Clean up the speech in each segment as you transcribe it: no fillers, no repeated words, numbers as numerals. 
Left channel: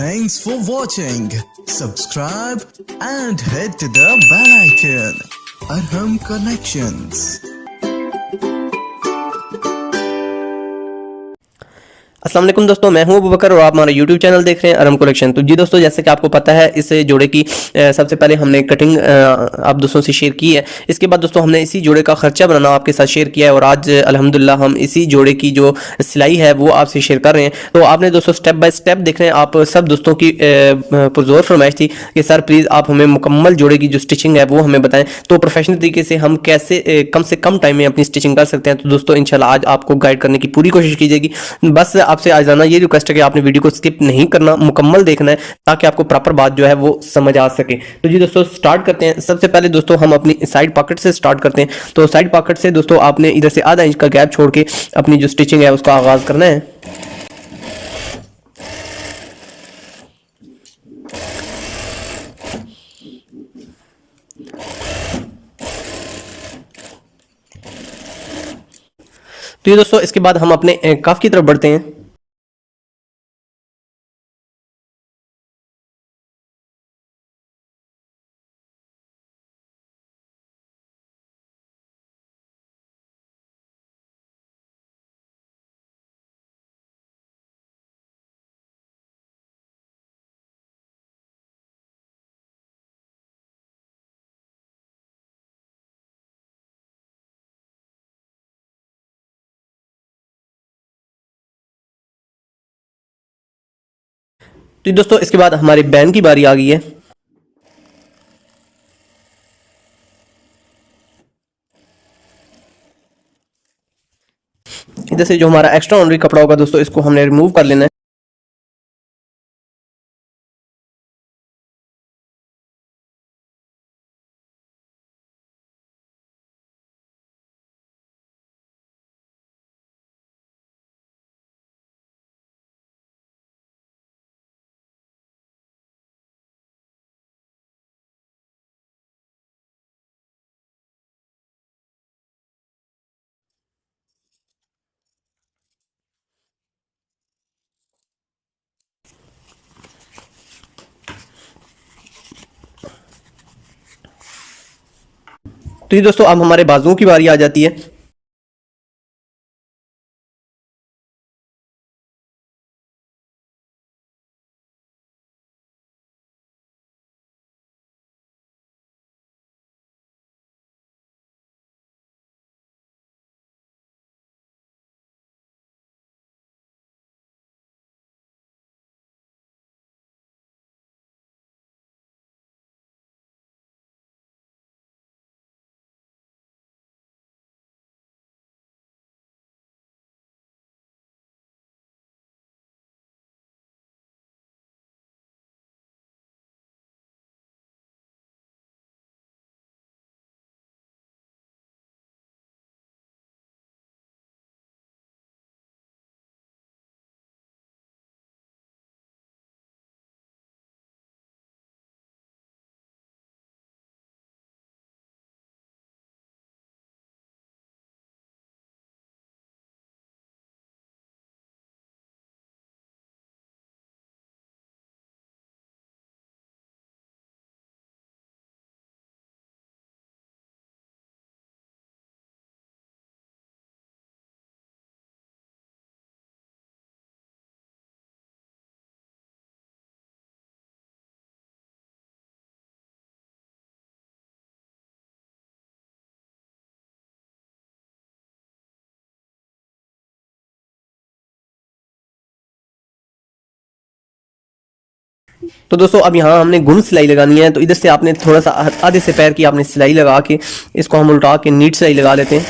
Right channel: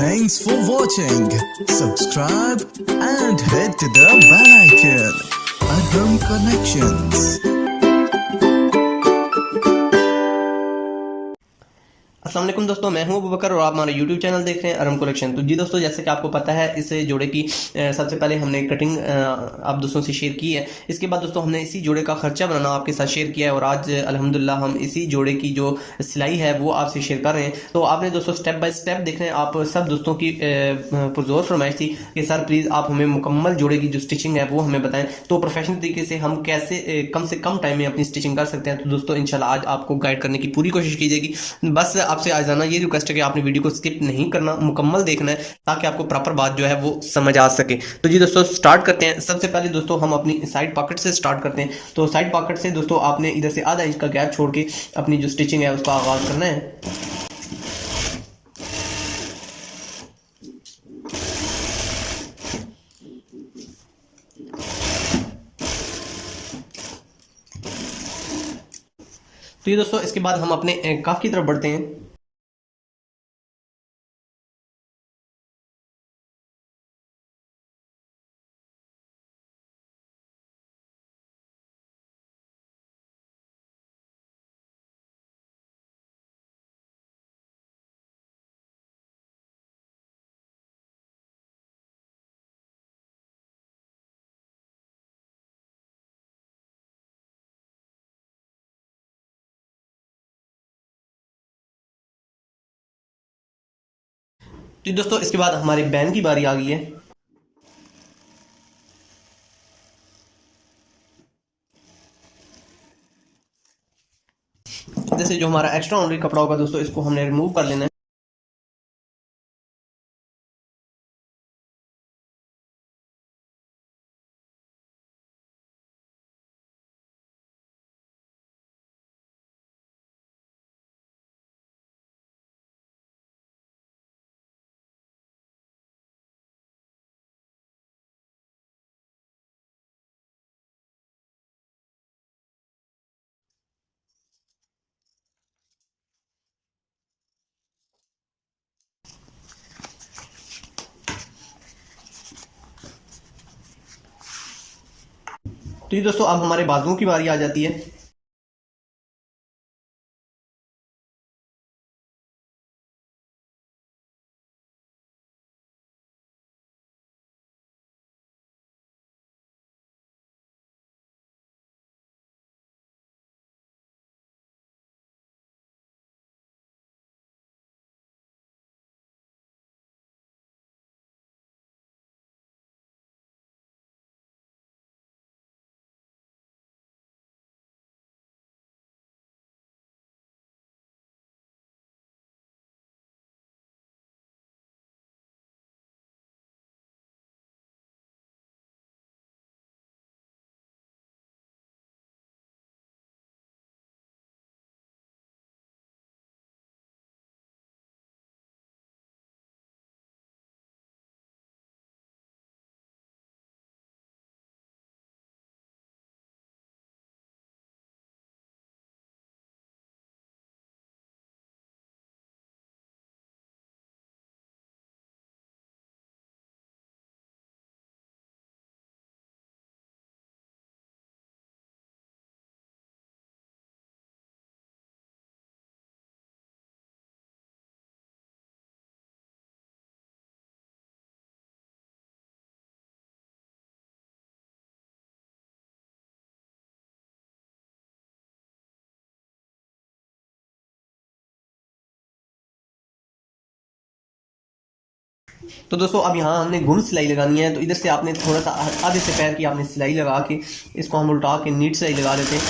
Thanks for watching. Subscribe and hit the bell icon. Arham Collections. अस्सलाम वालेकुम दोस्तों, मैं हूं अबू बकर और आप हमारा यूट्यूब चैनल देख रहे हैं अरहम कलेक्शन। तो जी दोस्तों, जैसे कि आपको पता है, इस जोड़े की सबसे पहले हमने कटिंग आप दोस्तों से शेयर की है। इसके बाद दोस्तों हमने इसी जोड़े का खर्चा बनाना आपके साथ शेयर किया है और आज अल्हम्दुलिल्लाह हम इसी जोड़े की जो सिलाई है वो आपसे शेयर कर रहे हैं। तो आपने दोस्तों स्टेप बाय स्टेप देख रहे हैं। आप सब दोस्तों की पुरजोर फरमाइश थी कि सर प्लीज़ आप हमें मुकम्मल जोड़े की जो स्टिचिंग है वो हमें बताएं, तो प्रोफेशनल तरीके से हम कैसे कम से कम टाइम में अपनी स्टिचिंग कर सकते हैं। तो दोस्तों इंशाल्लाह आज आपको गाइड करने की पूरी कोशिश की जाएगी। बस आपसे आज जाना ये रिक्वेस्ट है कि आपने वीडियो को स्किप नहीं करना, मुकम्मल देखना है ताकि आपको प्रॉपर बात जो है वो समझ आ सके। तो जी दोस्तों स्टार्ट करते हैं। सबसे पहले दोस्तों हम अपनी साइड पॉकेट से स्टार्ट करते हैं। तो साइड पॉकेट से दोस्तों आपने इधर से आधा इंच का गैप छोड़ के अपनी जो स्टिचिंग है उसका आगाज करना है। तो ये दोस्तों इसके बाद हम अपने कफ की तरफ बढ़ते हैं। तो दोस्तों इसके बाद हमारे बैन की बारी आ गई है। इधर से जो हमारा एक्स्ट्रा ऑनरी कपड़ा होगा दोस्तों इसको हमने रिमूव कर लेना है। तो ये दोस्तों अब हमारे बाजुओं की बारी आ जाती है। तो दोस्तों अब यहाँ हमने गुण सिलाई लगानी है। तो इधर से आपने थोड़ा सा आधे से पैर की आपने सिलाई लगा के इसको हम उल्टा के नीट सिलाई लगा लेते हैं।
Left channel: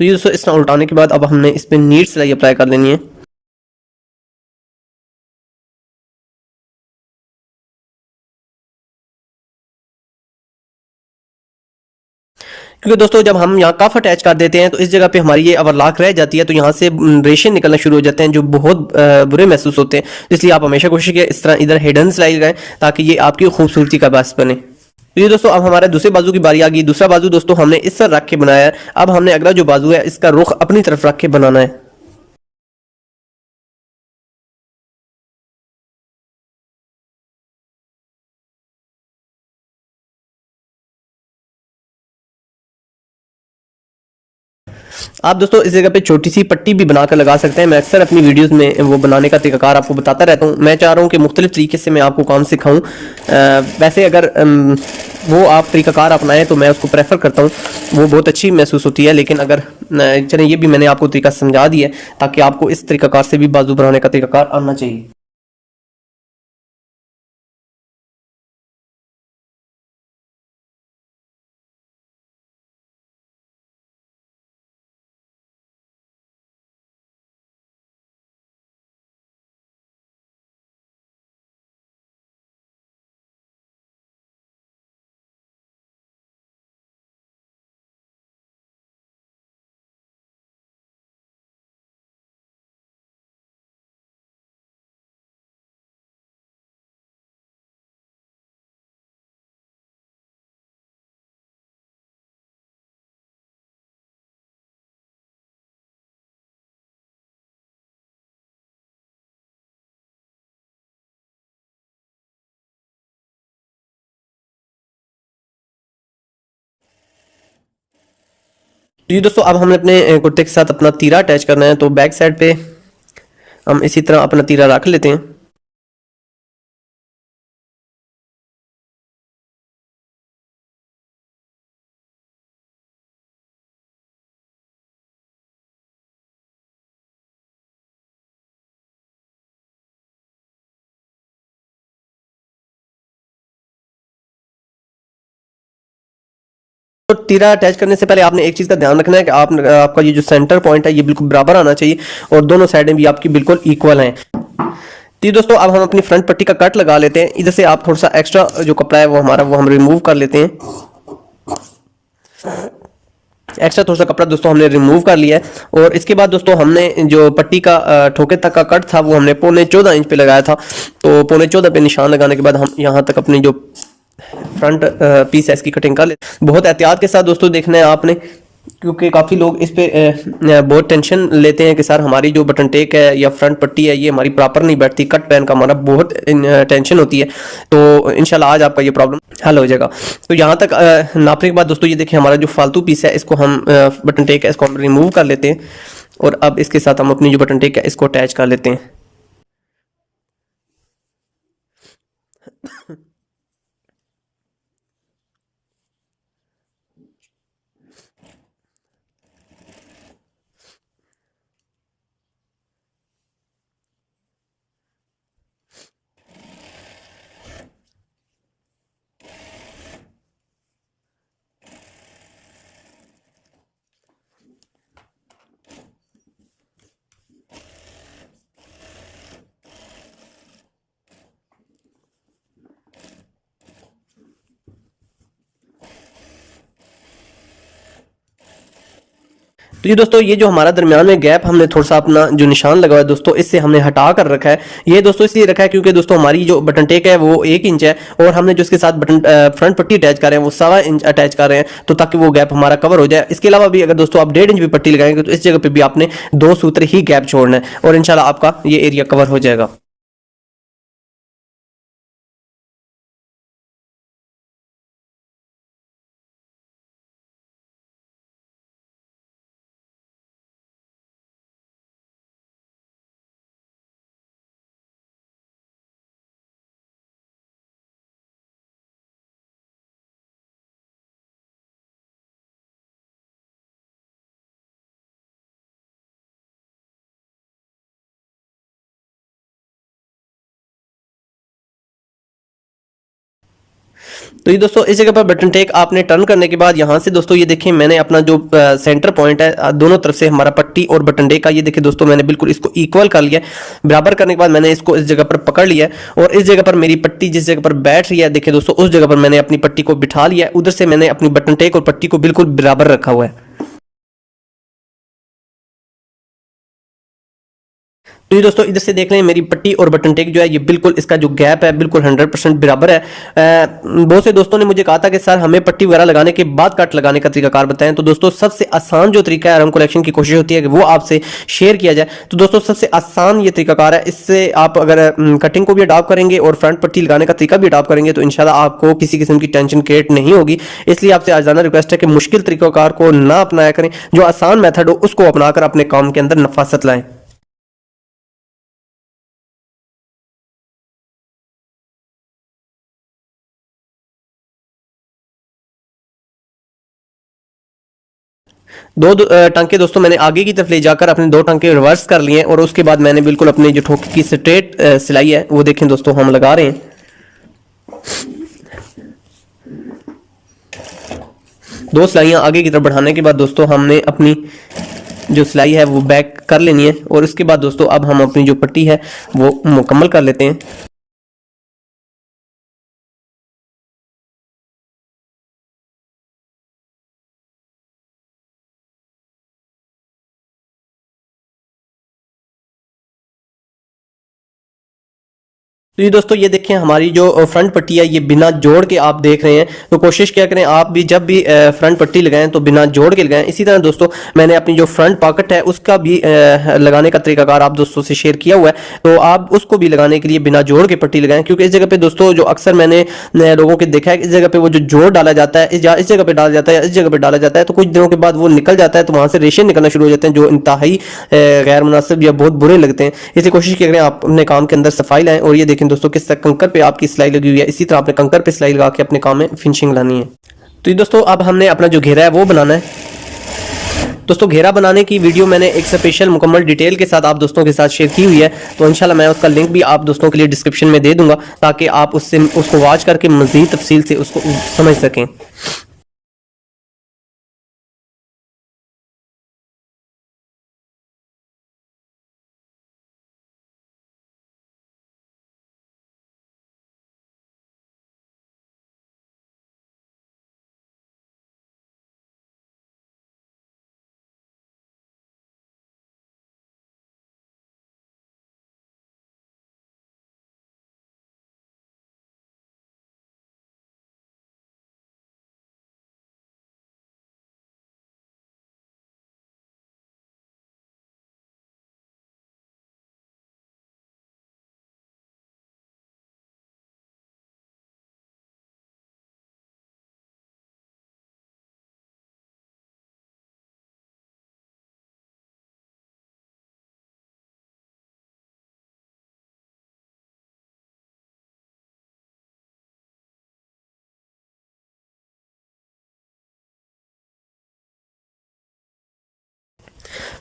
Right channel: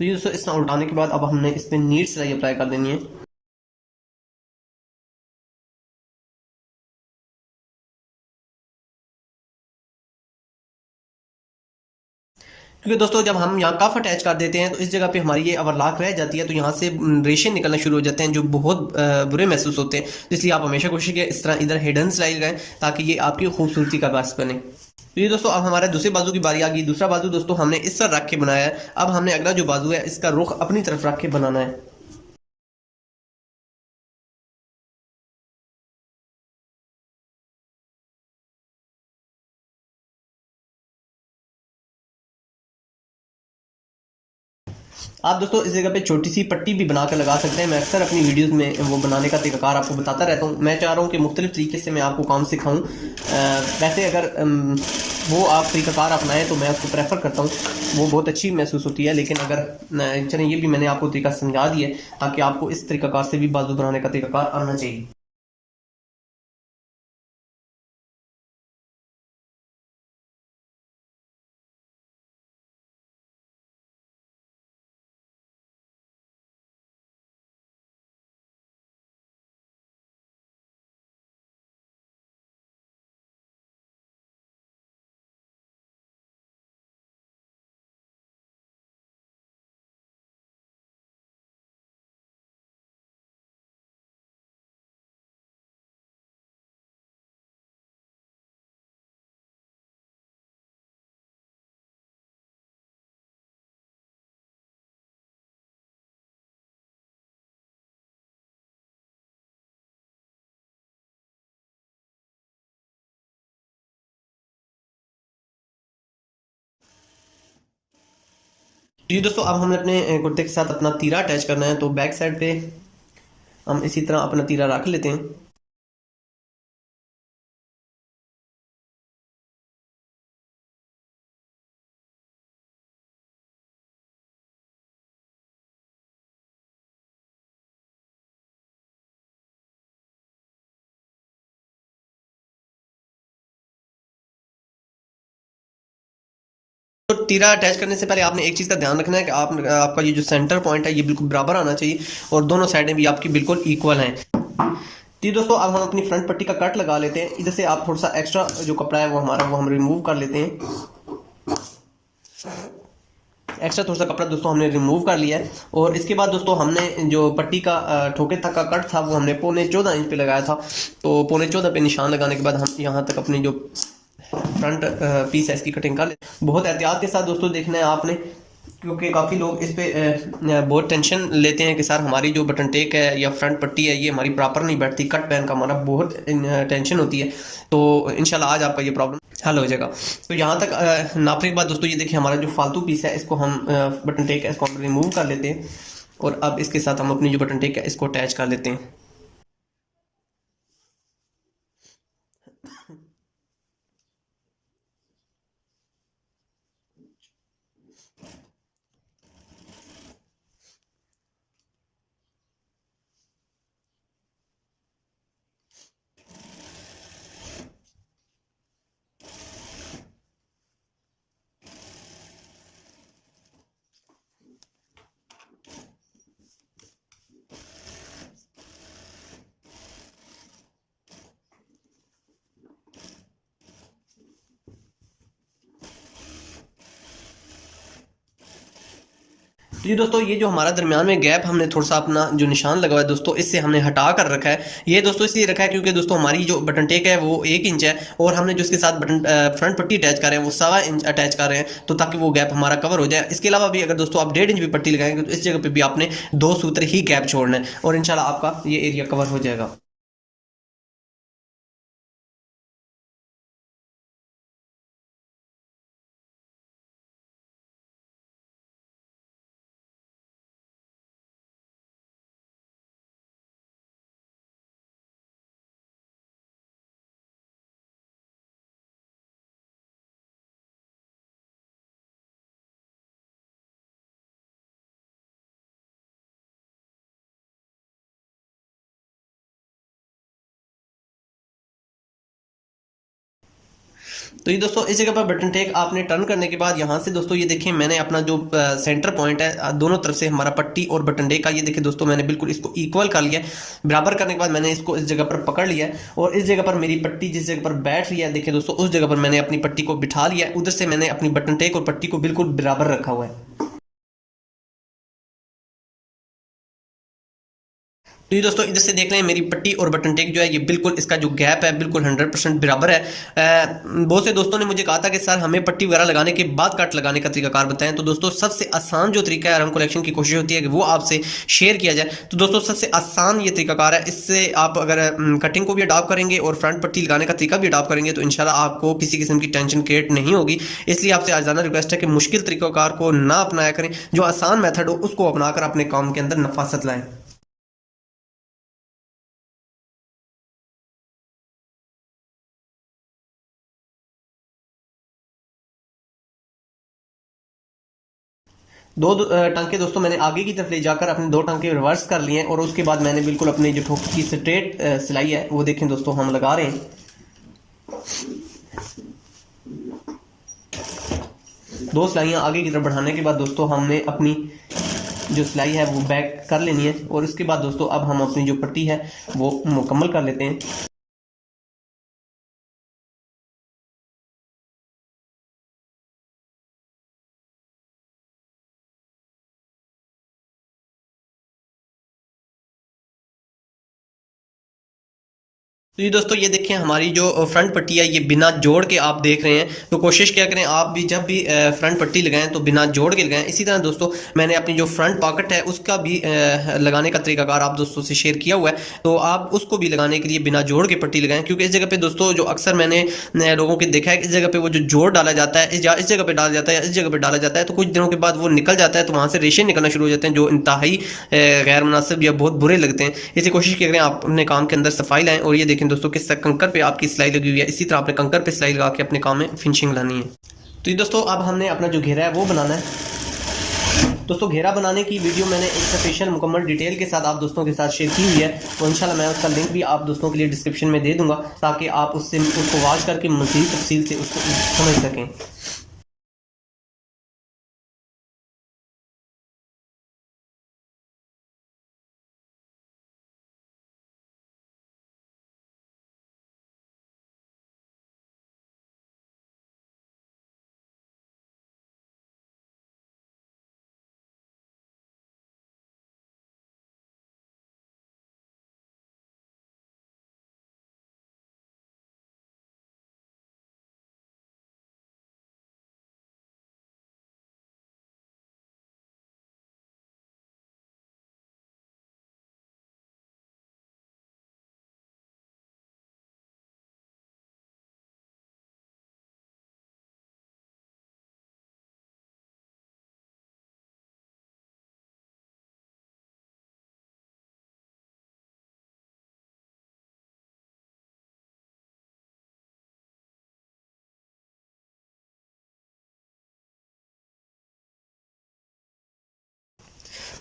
तो ये दोस्तों इसका उल्टाने के बाद अब हमने इस पर नीट सिलाई अप्लाई कर देनी है। क्योंकि दोस्तों जब हम यहाँ कफ अटैच कर देते हैं तो इस जगह पे हमारी ये ओवरलॉक रह जाती है, तो यहाँ से रेशे निकलना शुरू हो जाते हैं जो बहुत बुरे महसूस होते हैं। इसलिए आप हमेशा कोशिश करें इस तरह इधर हिडन सिलाई लगाएं ताकि ये आपकी खूबसूरती का बायस बने। तो ये दोस्तों अब हमारे दूसरे बाजू की बारी आ गई। दूसरा बाजू दोस्तों हमने इस तरह रख के बनाया है। अब हमने अगला जो बाजू है इसका रुख अपनी तरफ रख के बनाना है। आप दोस्तों इस जगह पे छोटी सी पट्टी भी बनाकर लगा सकते हैं। मैं अक्सर अपनी वीडियोस में वो बनाने का तरीकाकार आपको बताता रहता हूँ। मैं चाह रहा हूँ कि मुख्तलिफ तरीके से मैं आपको काम सिखाऊँ। वैसे अगर वो आप तरीकाकार अपनाएं तो मैं उसको प्रेफर करता हूँ, वो बहुत अच्छी महसूस होती है। लेकिन अगर चलें, ये भी मैंने आपको तरीका समझा दिया है ताकि आपको इस तरीकाकार से भी बाजू बनाने का तरीकाकार आना चाहिए। तो ये दोस्तों अब हमें अपने कुर्ते के साथ अपना तीरा अटैच करना है। तो बैक साइड पे हम इसी तरह अपना तीरा रख लेते हैं। तो तीरा अटैच करने से पहले आपने एक चीज़ का ध्यान रखना है कि आपका ये जो सेंटर पॉइंट है ये बिल्कुल बराबर आना चाहिए और दोनों साइडें भी आपकी बिल्कुल इक्वल हैं। तो दोस्तों अब हम अपनी फ्रंट पट्टी का कट लगा लेते हैं। इधर से आप थोड़ा सा एक्स्ट्रा जो कपड़ा है वो हम रिमूव कर लेते हैं। एक्स्ट्रा थोड़ा सा कपड़ा दोस्तों हमने रिमूव कर लिया है और इसके बाद दोस्तों हमने जो पट्टी का ठोके तक का कट था वो हमने 14.25 इंच पे लगाया था। तो 14.25 पे निशान लगाने के बाद हम यहाँ तक अपनी जो फ्रंट पीस है इसकी कटिंग कर ले। बहुत एहतियात के साथ दोस्तों देखना है आपने, क्योंकि काफ़ी लोग इस पे बहुत टेंशन लेते हैं कि सर हमारी जो बटन टेक है या फ्रंट पट्टी है ये हमारी प्रॉपर नहीं बैठती, कट पहन का हमारा बहुत टेंशन होती है। तो इंशाल्लाह आज आपका ये प्रॉब्लम हल हो जाएगा। तो यहाँ तक नापने के बाद दोस्तों ये देखिए हमारा जो फालतू पीस है इसको हम बटन टेक है इसको हम रिमूव कर लेते हैं और अब इसके साथ हम अपनी जो बटन टेक है इसको अटैच कर लेते हैं। तो ये दोस्तों ये जो हमारा दरमियान में गैप हमने थोड़ा सा अपना जो निशान लगा हुआ है दोस्तों इससे हमने हटा कर रखा है। ये दोस्तों इसलिए रखा है क्योंकि दोस्तों हमारी जो बटन टेक है वो 1 इंच है और हमने जो इसके साथ बटन फ्रंट पट्टी अटैच कर रहे हैं वो 1.25 इंच अटैच कर रहे हैं, तो ताकि वो गैप हमारा कवर हो जाए। इसके अलावा भी अगर दोस्तों आप 1.5 इंच भी पट्टी लगाएंगे तो इस जगह पर भी आपने 2 सूत्र ही गैप छोड़ना है और इंशाल्लाह आपका ये एरिया कवर हो जाएगा। तो ये दोस्तों इस जगह पर बटन टेक आपने टर्न करने के बाद यहाँ से दोस्तों ये देखें मैंने अपना जो सेंटर पॉइंट है दोनों तरफ से हमारा पट्टी और बटन टेक का ये देखिए दोस्तों मैंने बिल्कुल इसको इक्वल कर लिया। बराबर करने के बाद मैंने इसको इस जगह पर पकड़ लिया और इस जगह पर मेरी पट्टी जिस जगह पर बैठ रही है देखिए दोस्तों उस जगह पर मैंने अपनी पट्टी को बिठा लिया। उधर से मैंने अपनी बटन टेक और पट्टी को बिल्कुल बराबर रखा हुआ है। तो ये दोस्तों इधर से देख रहे हैं मेरी पट्टी और बटन टेक जो है ये बिल्कुल इसका जो गैप है बिल्कुल 100% बराबर है। बहुत से दोस्तों ने मुझे कहा था कि सर हमें पट्टी वगैरह लगाने के बाद कट लगाने का तरीकाकार बताएं। तो दोस्तों सबसे आसान जो तरीका है, आराम कलेक्शन की कोशिश होती है कि वो आपसे शेयर किया जाए। तो दोस्तों सबसे आसान ये तरीकाकार है, इससे आप अगर कटिंग को भी अडॉप्ट करेंगे और फ्रंट पट्टी लगाने का तरीका भी अडॉप्ट करेंगे तो इंशाल्लाह आपको किसी किस्म की टेंशन क्रिएट नहीं होगी। इसलिए आपसे आजाना रिक्वेस्ट है कि मुश्किल तरीकाकार को ना अपनाया करें, जो आसान मेथड हो उसको अपनाकर अपने काम के अंदर नफासत लाएं। टांके दोस्तों मैंने आगे की तरफ ले जाकर अपने दो टांके रिवर्स कर लिए और उसके बाद मैंने बिल्कुल अपनी जो ठोकी की स्ट्रेट सिलाई है वो देखें दोस्तों हम लगा रहे हैं। दो सिलाइयां आगे की तरफ बढ़ाने के बाद दोस्तों हमने अपनी जो सिलाई है वो बैक कर लेनी है और उसके बाद दोस्तों अब हम अपनी जो पट्टी है वो मुकम्मल कर लेते हैं। तो ये दोस्तों ये देखें हमारी जो फ्रंट पट्टी है ये बिना जोड़ के आप देख रहे हैं। तो कोशिश क्या करें आप भी जब भी फ्रंट पट्टी लगाएं तो बिना जोड़ के लगाएं। इसी तरह दोस्तों मैंने अपनी जो फ्रंट पॉकेट है उसका भी लगाने का तरीकाकार आप दोस्तों से शेयर किया हुआ है। तो आप उसको भी लगाने के लिए बिना जोड़ के पट्टी लगाएं, क्योंकि इस जगह पे दोस्तों जो अक्सर मैंने लोगों के देखा है इस जगह पे वो जो जोड़ डाला जाता है इस जगह पे डाला जाता है, इस जगह पे डाला जाता है, तो कुछ दिनों के बाद वो निकल जाता है तो वहां से रेशे निकलना शुरू हो जाते हैं जो इंतहाई गैर मुनासिब या बहुत बुरे लगते हैं। इसलिए कोशिश करें आप अपने काम के अंदर सफाई लाएं। और ये देखें दोस्तों किस तरह कंकर पे आपकी सिलाई लगी हुई है, इसी तरह आपने कंकर पे सिलाई लगा के अपने काम में फिनिशिंग लानी है। तो ये दोस्तों अब हमने अपना जो घेरा है वो बनाना है। दोस्तों घेरा बनाने की वीडियो मैंने एक स्पेशल मुकम्मल डिटेल के साथ आप दोस्तों के साथ शेयर की हुई है, तो इंशाल्लाह मैं उसका लिंक भी आप दोस्तों के लिए डिस्क्रिप्शन में दे दूंगा ताकि आप उससे उसको वॉच करके मजीद तफसील से उसको समझ सकें।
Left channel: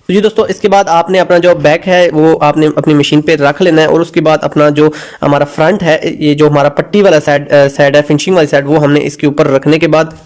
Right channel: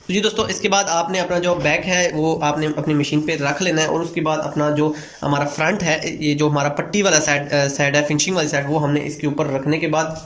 तो जी दोस्तों इसके बाद आपने अपना जो बैक है वो आपने अपनी मशीन पे रख लेना है और उसके बाद अपना जो हमारा फ्रंट है ये जो हमारा पट्टी वाला साइड है फिनिशिंग वाली साइड वो हमने इसके ऊपर रखने के बाद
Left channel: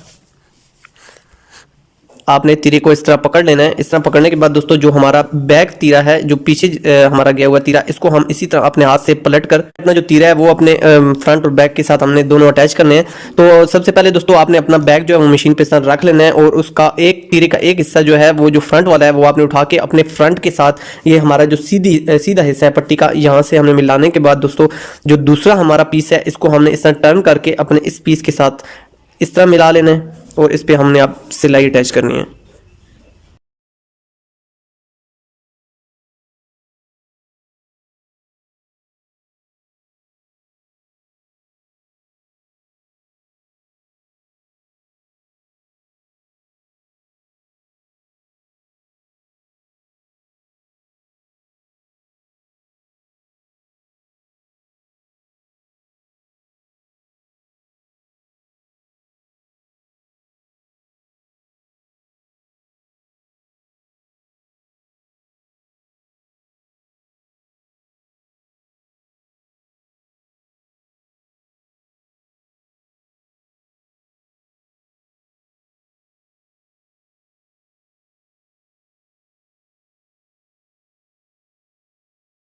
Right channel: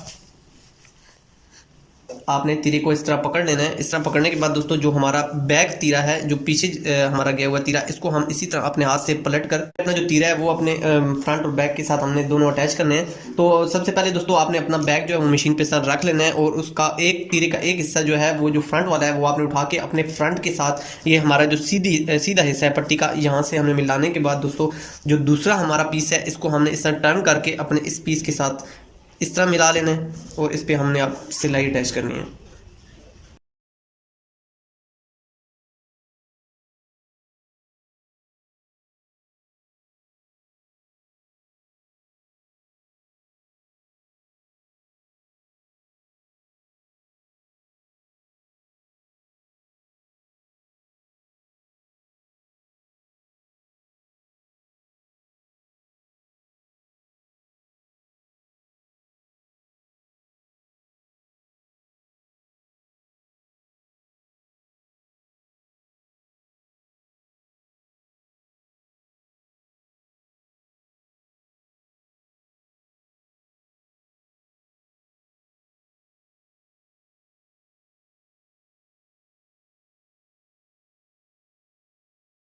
आपने तीरे को इस तरह पकड़ लेना है। इस तरह पकड़ने के बाद दोस्तों जो हमारा बैक तीरा है जो पीछे हमारा गया हुआ तीरा, इसको हम इसी तरह अपने हाथ से पलट कर अपना जो तीरा है वो अपने फ्रंट और बैक के साथ हमने दोनों अटैच करने हैं। तो सबसे पहले दोस्तों आपने अपना बैक जो है वो मशीन पे साथ रख लेना है और उसका एक तीरे का एक हिस्सा जो है वो जो फ्रंट वाला है वो आपने उठा के अपने फ्रंट के साथ ये हमारा जो सीधा हिस्सा है पट्टी का यहाँ से हमने मिलाने के बाद दोस्तों जो दूसरा हमारा पीस है इसको हमने इस तरह टर्न करके अपने इस पीस के साथ इस तरह मिला लेना है और इस पे हमने आप सिलाई अटैच करनी है।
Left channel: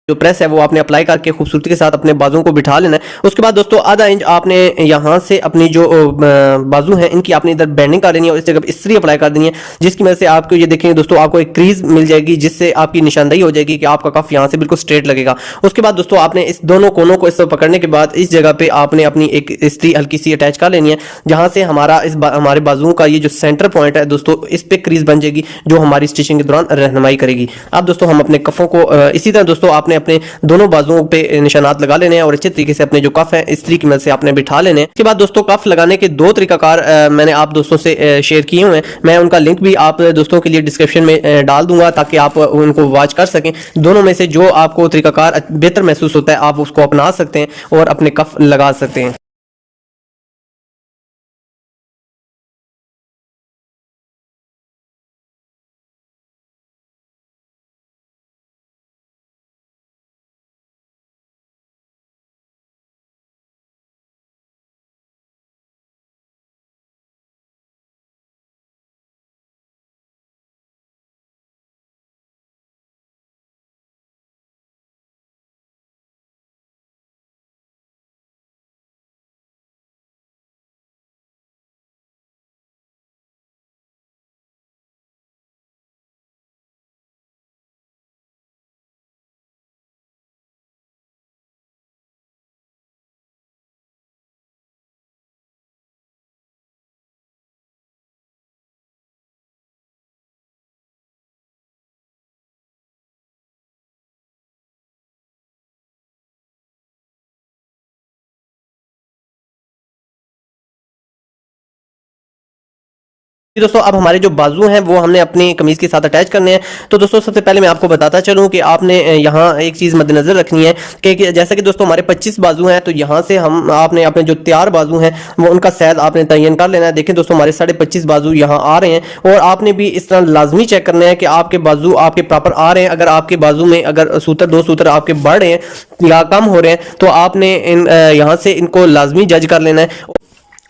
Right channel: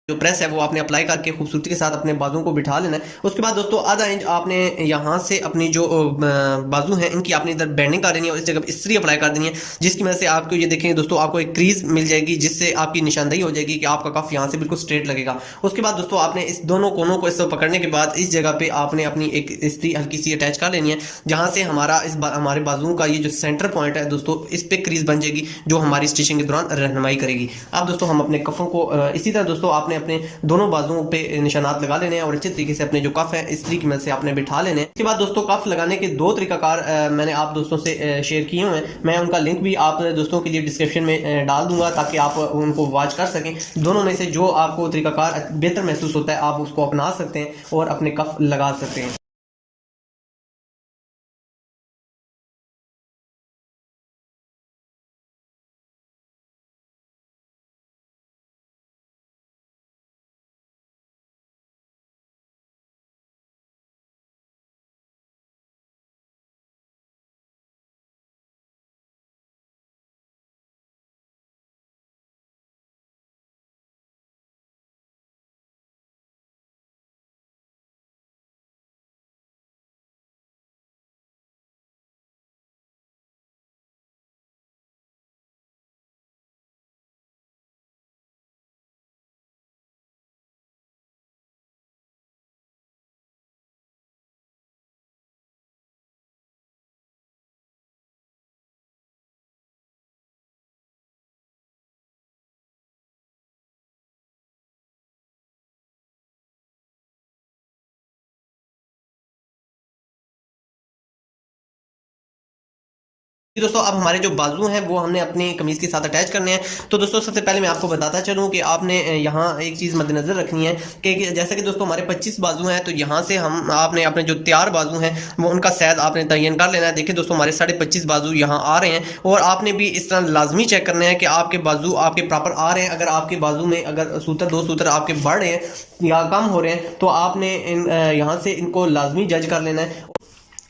जो प्रेस है वो आपने अप्लाई करके खूबसूरती के साथ अपने बाजुओं को बिठा लेना है। उसके बाद दोस्तों आधा इंच आपने यहाँ से अपनी जो बाजू है इनकी आपने इधर बेंडिंग कर देनी है और इस जगह पर इस्त्री अप्लाई कर देनी है, जिसकी वजह से आपको ये देखेंगे दोस्तों आपको एक क्रीज मिल जाएगी, जिससे आपकी निशानदेही हो जाएगी कि आपका कफ यहाँ से बिल्कुल स्ट्रेट लगेगा। उसके बाद दोस्तों आपने इस दोनों कोनों को इस तरह पकड़ने के बाद इस जगह पे आपने अपनी एक इस्त्री हल्की सी अटैच कर लेनी है, जहां से हमारा हमारे बाजुओं का ये जो सेंटर पॉइंट है दोस्तों इस पे क्रीज बन जाएगी, जो हमारी स्टिचिंग के दौरान रहनुमाई करेगी। अब दोस्तों हम अपने कफों को इसी तरह दोस्तों आपने अपने दोनों बाजुओं पे निशानात लगा लेने हैं और अच्छे तरीके से अपने जो कफ है इस्त्री की मदद से आपने बिठा लेने हैं। इसके बाद दोस्तों कफ लगाने के दो तरीकाकार मैंने आप दोस्तों से शेयर किए हुए हैं, मैं उनका लिंक भी आप दोस्तों के लिए डिस्क्रिप्शन में डाल दूंगा ताकि आप उनको वॉच कर सकें। दोनों में से जो आपको तरीकाकार बेहतर महसूस होता है आप उसको अपना सकते हैं और अपने कफ लगा सकते हैं। दोस्तों अब हमारे जो बाजू हैं वो हमने अपनी कमीज के साथ अटैच करने हैं। तो दोस्तों सबसे पहले मैं आपको बताता चलूं कि आपने यहाँ एक चीज़ मद्देनजर रखनी है कि जैसा कि दोस्तों हमारे 25 बाजू हैं, तो यहाँ से हम आपने अपने जो तैयार बाजू हैं वो उनका साइज आपने तयन कर लेना है। देखिए दोस्तों हमारे 25.5 बाजू यहाँ आ रहे हैं और आपने भी इस तरह लाजमी चेक करना है कि आपके बाजू आपके प्रॉपर आ रहे हैं। अगर आपके बाजू में अगर सूत्र दो सूत्र आपके बढ़ रहे हैं या कम हो रहे हैं तो आपने इन यहाँ से इनको लाजमी जज कर लेना है।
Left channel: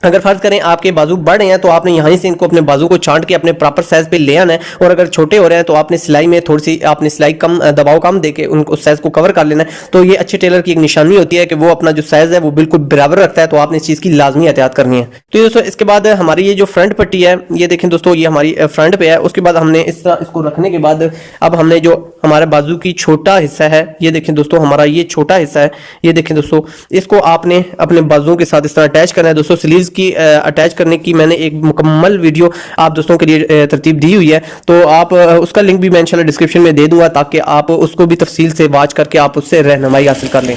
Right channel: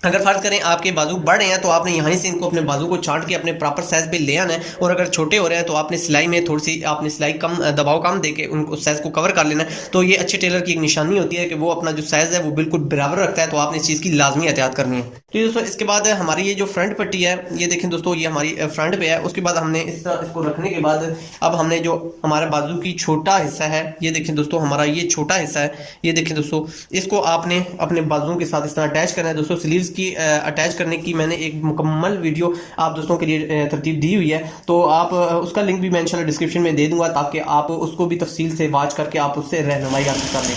अगर फर्ज करें आपके बाजू बढ़ रहे हैं तो आपने यहीं से इनको अपने बाजू को छांट के अपने प्रॉपर साइज पे ले आना है, और अगर छोटे हो रहे हैं तो आपने सिलाई में थोड़ी सी आपने सिलाई कम दबाव कम देके उनको साइज को कवर कर लेना है। तो ये अच्छे टेलर की एक निशानी होती है कि वो अपना जो साइज है वो बिल्कुल बराबर रखता है, तो आपने इस चीज़ की लाजमी एहतियात करनी है। तो दोस्तों इसके बाद हमारी ये जो फ्रंट पट्टी है ये देखें दोस्तों ये हमारी फ्रंट पे है। उसके बाद हमने इस तरह इसको रखने के बाद अब हमने जो हमारे बाजू की छोटा हिस्सा है ये देखें दोस्तों हमारा ये छोटा हिस्सा है, ये देखें दोस्तों इसको आपने अपने बाजुओं के साथ इस तरह अटैच करना है। दोस्तों स्लीव्स की अटैच करने की मैंने एक मुकम्मल वीडियो आप दोस्तों के लिए तरतीब दी हुई है, तो आप उसका लिंक भी मैं इंशाल्लाह डिस्क्रिप्शन में दे दूंगा ताकि आप उसको भी तफसील से वॉच करके आप उससे रहनुमाई हासिल कर लें।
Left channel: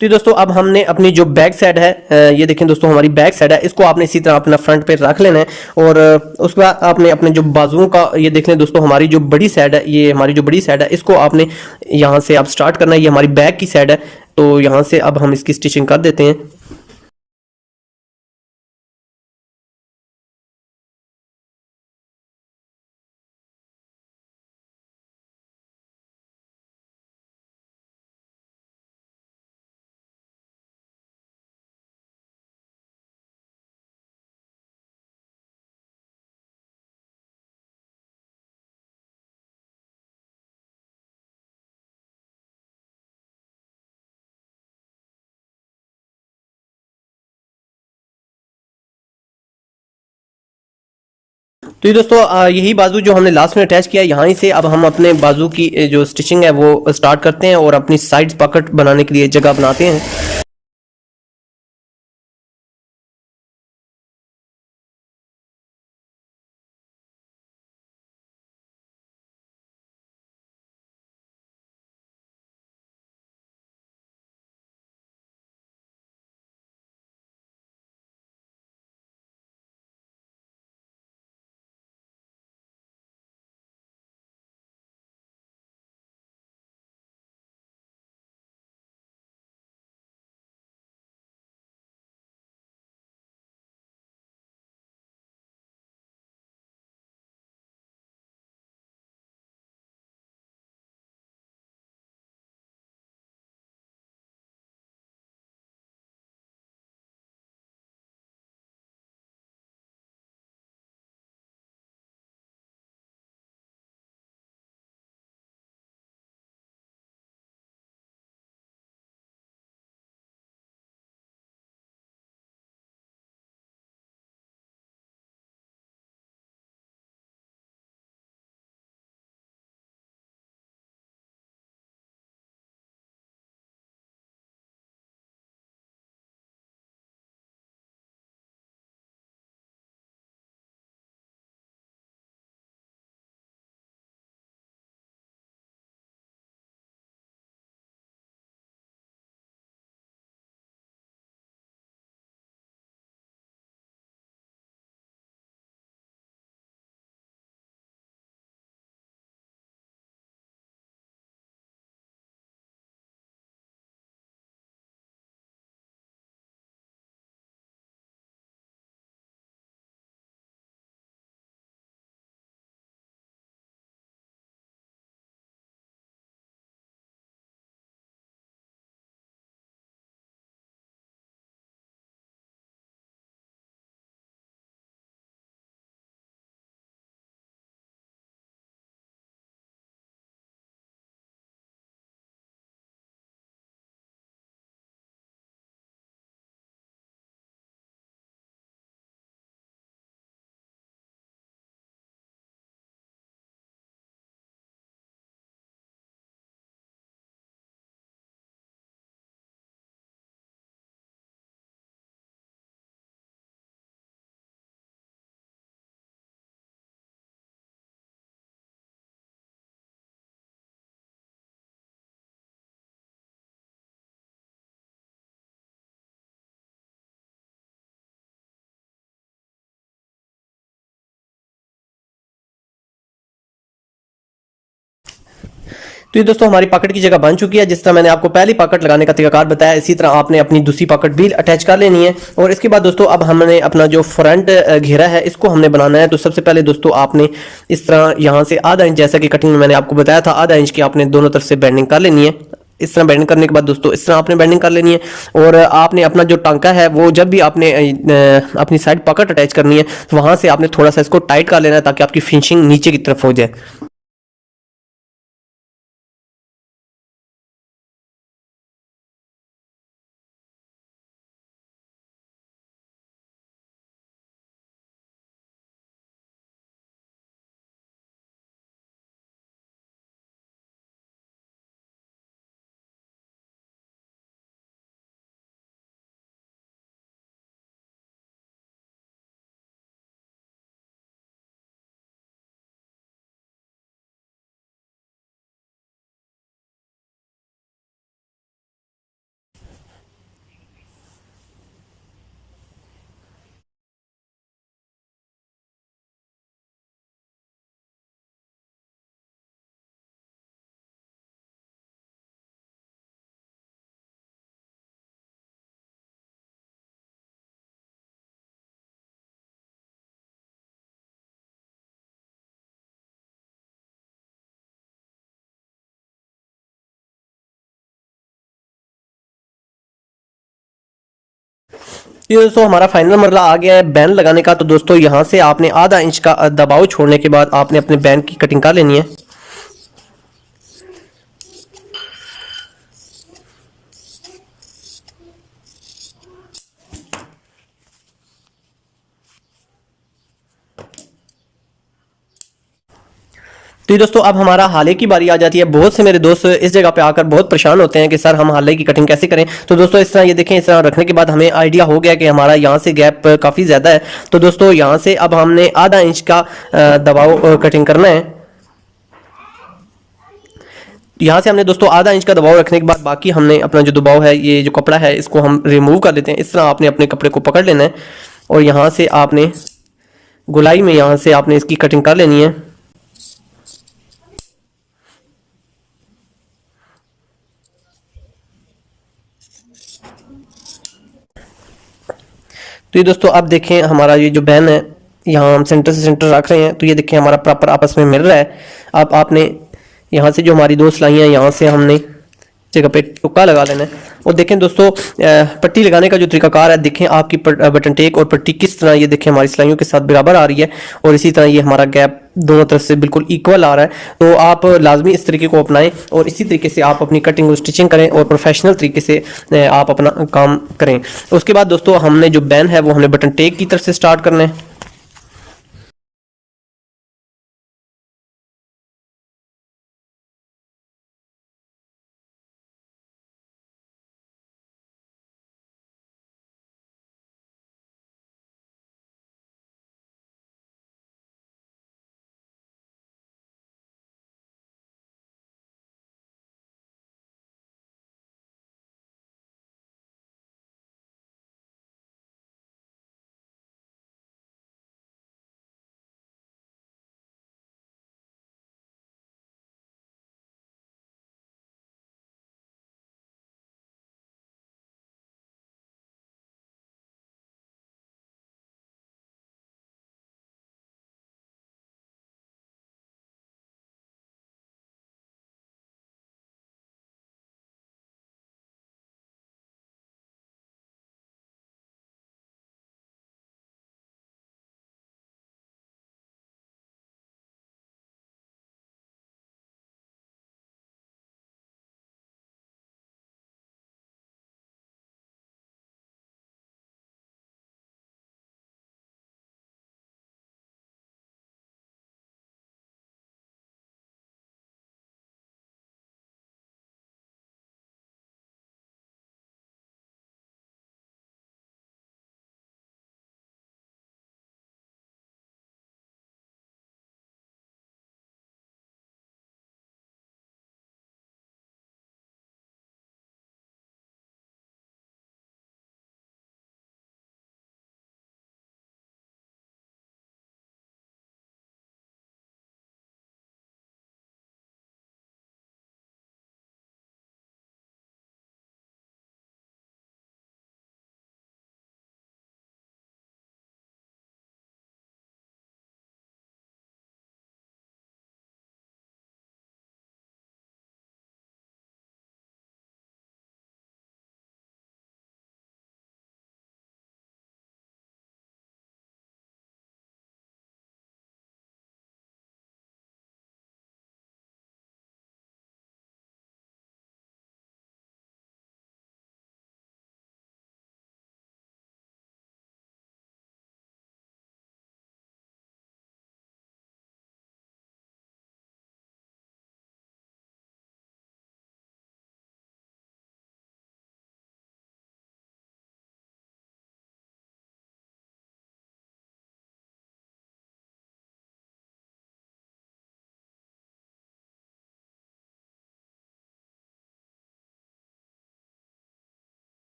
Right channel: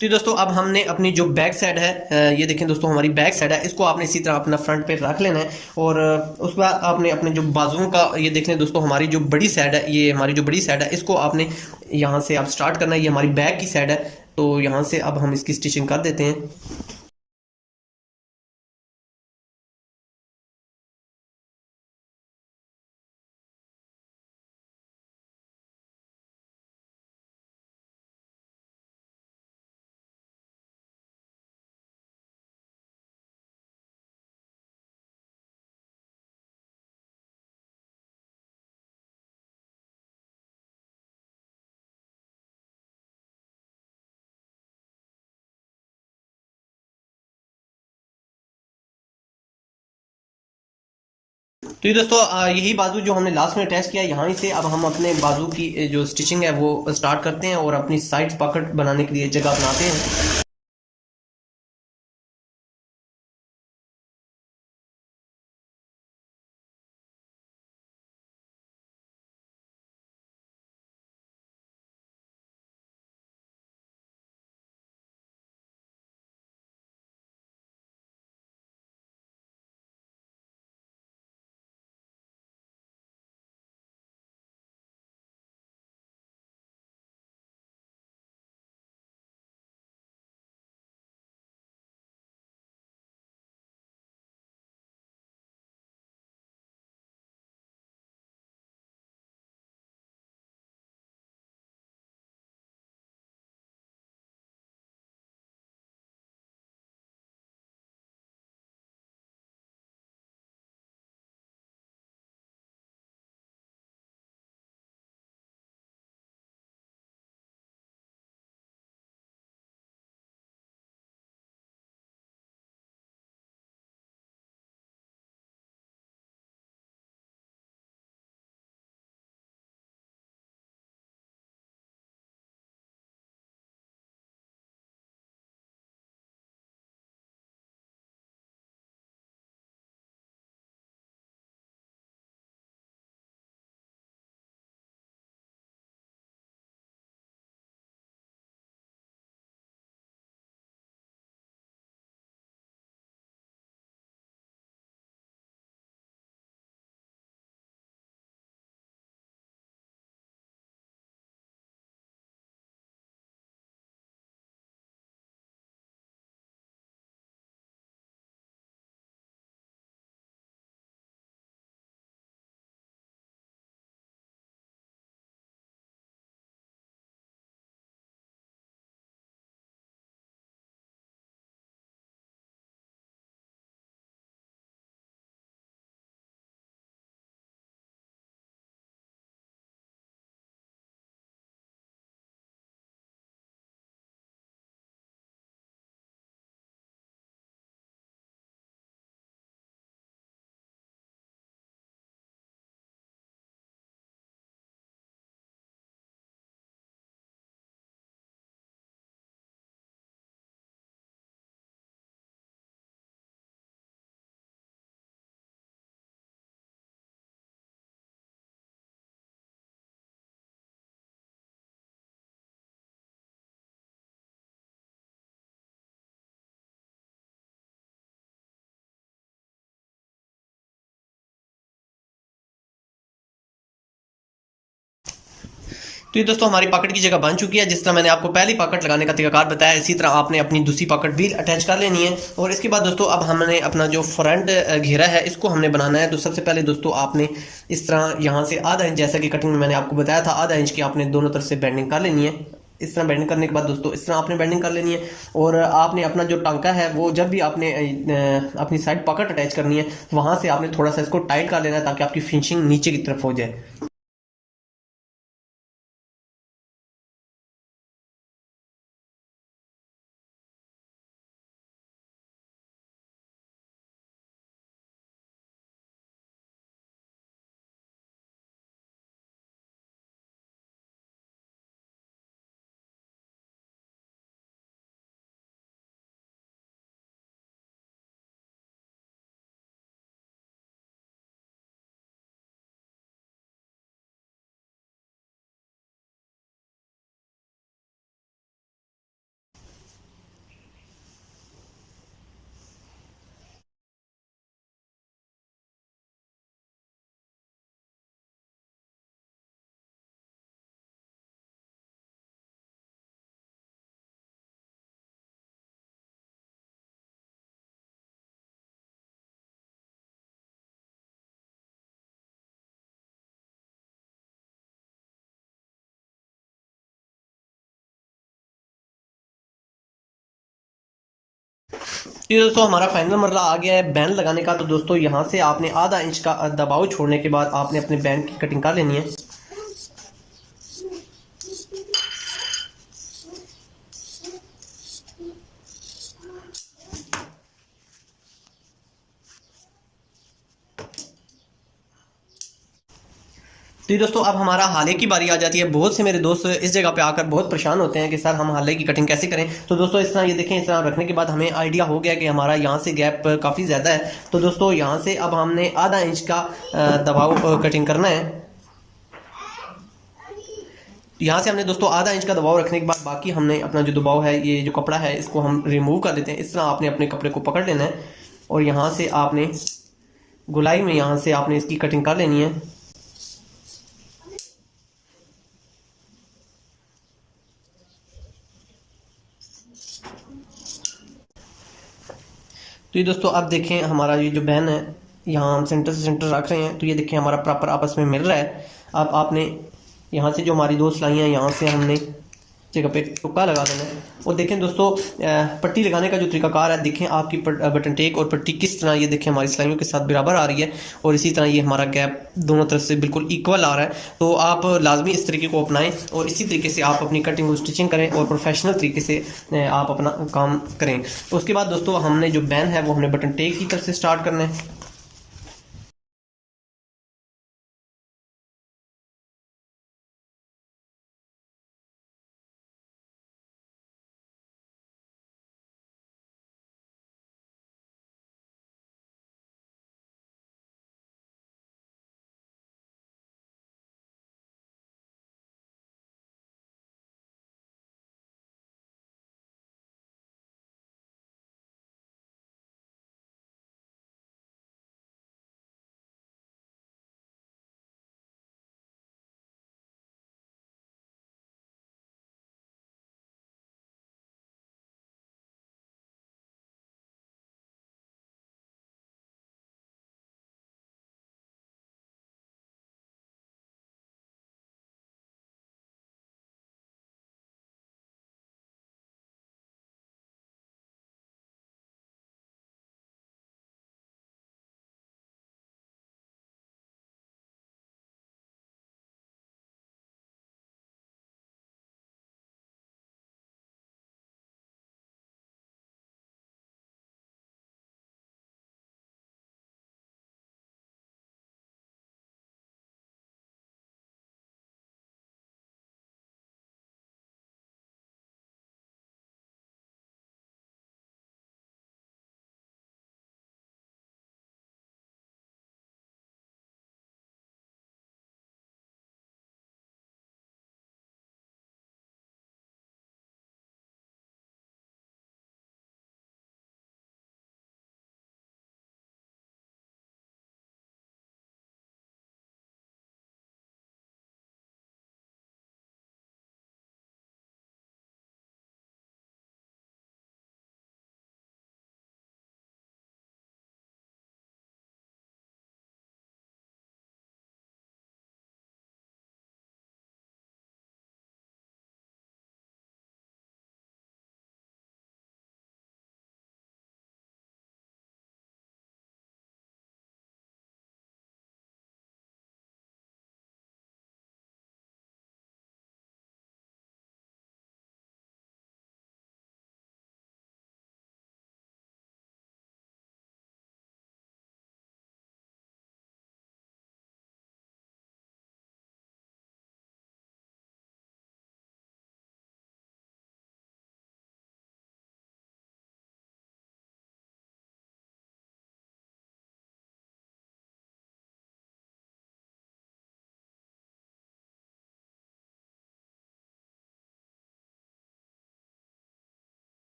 तो दोस्तों अब हमने अपनी जो बैक साइड है ये देखें दोस्तों हमारी बैक साइड है, इसको आपने इसी तरह अपना फ्रंट पे रख लेना है। और उसके बाद आपने अपने जो बाजुओं का ये देख लें दोस्तों हमारी जो बड़ी साइड है, ये हमारी जो बड़ी साइड है इसको आपने यहाँ से आप स्टार्ट करना है। ये हमारी बैक की साइड है, तो यहाँ से अब हम इसकी स्टिचिंग कर देते हैं। तो ये दोस्तों यही बाजू जो हमने लास्ट में अटैच किया है यहाँ से अब हम अपने बाजू की जो स्टिचिंग है वो स्टार्ट करते हैं और अपनी साइड पॉकेट बनाने के लिए जगह बनाते हैं। तो ये दोस्तों हमारी पॉकेट की जगह बन चुकी है। जिस तरह मैंने आपको पहली पॉकेट लगाने का तरीकाकार बताया, इसी तरह आपने अपनी दूसरी पॉकेट भी अटैच कर लेनी है। और इसके बाद दोस्तों अब हमने अपना जो फ्रंट घेरा है इसको हमने बनाना है। तो सबसे पहले दोस्तों आपने इस तरह यहाँ से आधा इंच, जैसा कि कटिंग में मैंने आपको बताया था, आधा इंच की आपने दोनों तरफ से बेंडिंग कर लेनी है। इस तरह बेंडिंग करने के बाद दोस्तों इस तरह आपने बेंडिंग कर लेनी है। और आपने अपना जो टांका है वो जब भी आपने अपनी साइड पॉकेट अटैच करनी है तो वहां से आपने थोड़ा सा इसको टाइट कर लेना है ताकि आपकी फिनिशिंग नीचे की तरफ हो जाए। ये दोस्तों हमारा फाइनल मरला आ गया है बैन लगाने का। तो दोस्तों यहाँ से आपने आधा इंच का दबाव छोड़ने के बाद आपने अपने बैन की कटिंग कर लेनी है। तो ये दोस्तों अब हमारा हाले की बारी आ जाती है। बहुत से मेरे दोस्त इस जगह पे आकर बहुत परेशान होते हैं कि सर हम हाले की कटिंग कैसे करें। तो दोस्तों इस तरह ये देखें, इस तरह रखने के बाद हमें आइडिया हो गया कि हमारा यहाँ से गैप काफ़ी ज़्यादा है। तो दोस्तों यहाँ से अब हमने आधा इंच का दबाव कटिंग करना है। यहाँ से हमने दोस्तों आधा इंच का दबाव रखने के बाद बाकी हमने अपना जो दबाव है, ये जो कपड़ा है, इसको हम रिमूव कर देते हैं। इस तरह आपने अपने कपड़े को पकड़ लेना है और यहाँ से आपने गोलाई में यहाँ से आपने इसकी कटिंग कर लेनी है। तो ये दोस्तों अब देखें हमारा ये जो बैन है, यहाँ हम सेंटर से सेंटर रख रहे हैं। तो ये देखें हमारा प्रॉपर आपस में मिल रहा है। अब आपने यहाँ से जो हमारी दो सिलाइयाँ, यहाँ से हमने जगह पे टुक्का लगा लेना है। और देखें दोस्तों पट्टी लगाने का जो तरीकाकार है, देखें आपकी बटन टेक और पट्टी किस तरह, ये देखें हमारी सिलाइयों के साथ बराबर आ रही है। और इसी तरह ये हमारा गैप दोनों तरफ से बिल्कुल इक्वल आ रहा है। तो आप लाजमी इस तरीके को अपनाएं और इसी तरीके से आप अपनी कटिंग और स्टिचिंग करें और प्रोफेशनल तरीके से आप अपना काम करें। उसके बाद दोस्तों हमने जो बैन है वो हमने बटन टेक की तरफ से स्टार्ट करना है।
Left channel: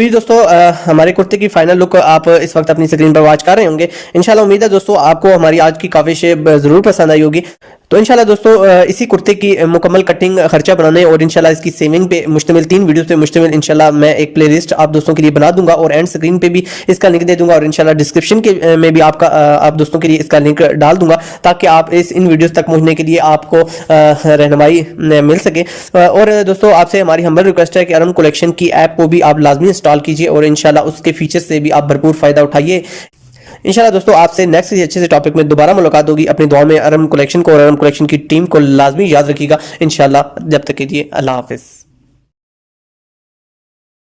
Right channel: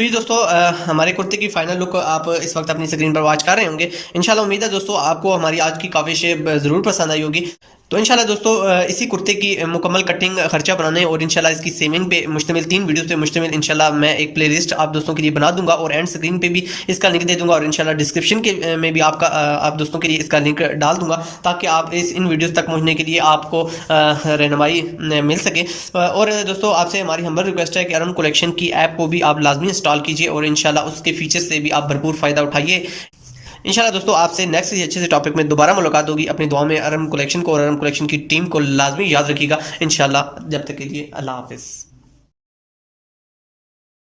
तो ये दोस्तों हमारे कुर्ते की फाइनल लुक आप इस वक्त अपनी स्क्रीन पर वॉच कर रहे होंगे। इंशाल्लाह उम्मीद है दोस्तों आपको हमारी आज की काफी शेप जरूर पसंद आई होगी। तो इंशाल्लाह दोस्तों इसी कुर्ते की मुकम्मल कटिंग, खर्चा बनाने और इंशाल्लाह इसकी सेविंग पे मुश्तमिल 3 वीडियोस पे मुश्तमिल इंशाल्लाह मैं एक प्लेलिस्ट आप दोस्तों के लिए बना दूंगा और एंड स्क्रीन पे भी इसका लिंक दे दूंगा और इंशाल्लाह डिस्क्रिप्शन के में भी आप दोस्तों के लिए इसका लिंक डाल दूंगा ताकि आप इन वीडियोस तक पहुंचने के लिए आपको रहनुमाई मिल सके। और दोस्तों आपसे हमारी हम्बल रिक्वेस्ट है कि अरम कलेक्शन की ऐप को भी आप लाजमी इंस्टॉल कीजिए और इंशाल्लाह उसके फीचर से भी आप भरपूर फायदा उठाइए। इंशाल्लाह दोस्तों आपसे नेक्स्ट अच्छे से टॉपिक में दोबारा मुलाकात होगी। अपनी दुआ में अरम कलेक्शन को और अरम कलेक्शन की टीम को लाजमी याद रखिएगा इंशाल्लाह। जब तक के लिए अल्लाह हाफिज।